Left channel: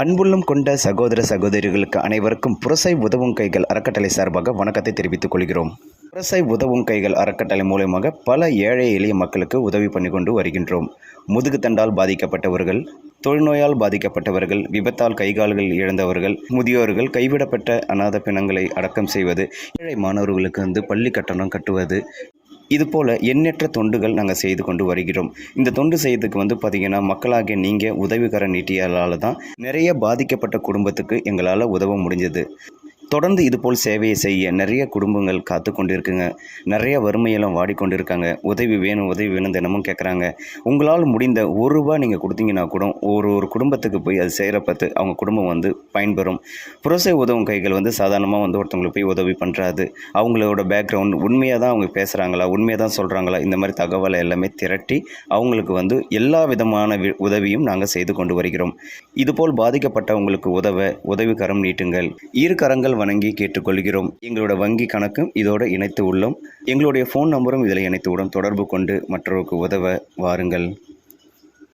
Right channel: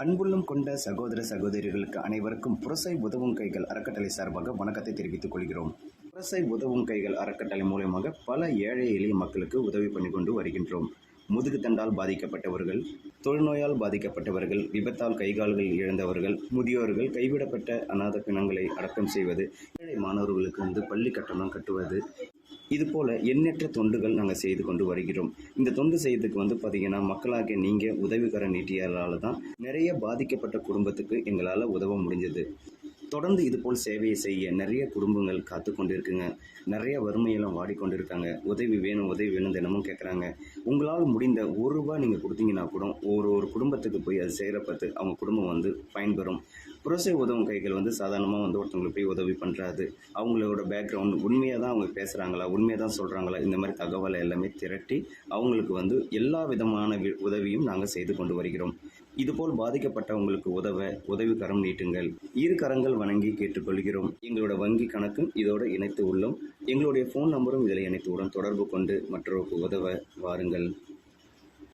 அன்புள்ளம் கொண்ட சகோதர சகோதரிகளுக்கு அனைவருக்கும் புரசை உதவும் கைகள் அறக்கட்டளை சார்பாக வணக்கத்தை தெரிவித்துக் கொள்கிறோம். புரசை உதவும் கைகள் அறக்கட்டளை மூலமாக பல ஏழை எளிய மக்களுக்கு உதவி பண்ணி கொண்டு வருகின்றோம். முதுகுத்தண்டால் பாதிக்கப்பட்டவர்கள், தொழுநோயால் பாதிக்கப்பட்டவர்கள், விபத்தால் கைகால்கள் இழந்தவர்கள், முதியோர்கள், கைவிடப்பட்ட அநாத பிணங்களை அடக்கம் செய்வது, ஏழை மாணவர்களுக்கு பள்ளி கட்டணம் கட்டுவது, இதுபோல் எண்ணற்ற தொண்டுகள் நாங்கள் செய்து கொண்டு வருகிறோம். இந்த தொண்டு செய்யறதுக்கு பார்த்திங்கன்னா, மக்களாகிய நீங்கள் உதவிகரம் நீட்டியால் தான் நிறைய பாதிக்கப்பட்ட குடும்பத்துக்கு எங்களால் உதவ முடிஞ்சது. தொடர்ந்து இதுபோல் சேவையை செய்ய நிறைய குடும்பங்கள் காத்து கொண்டு இருக்குங்க. நிறைய வறுமையெல்லாம் வாடிக்கொண்டு உதவி வேணும் தினமும் கேட்குறாங்க. உங்களால் முடிந்த ₹1 நீங்கள் கொடுத்தீங்கன்னா கூட ஒரு குடும்பத்துக்கு போய் அது செய்கிற பார்த்து அவங்க குடும்பம் பயன்பெறும். புரசை உதவும் கைகள் சாதாரணமாக ஒருத்தவங்களுக்கு போய் உதவி பண்ணுறாது. அவங்களோட பேக்ரவுண்ட் உண்மையாக தான் அவங்க பேசுகிறாங்களா, உண்மையாக தான் சொல்கிறாங்களா, இந்த மாதிரி தகவலை எல்லாமே திரட்டி அவங்களுக்கு எல்லா விதமான உதவியும் நாங்கள் செய்து கொண்டு வருகிறோம். இதுபோல் பாதிக்கப்பட்டவங்களுக்கு உதவிகரம் நீட்டுங்கள். இரு கரங்கள் வணங்கி கேட்டுக்கொள்கிறோம். எங்களோட வங்கி கணக்கும் இதோடு இணைத்து உள்ளோம். எங்களுடைய ஃபோன் நம்பரும் இதில் இணைத்து தொடர்பு கொண்டு மற்றவருக்கு உதவ வாருங்கள்.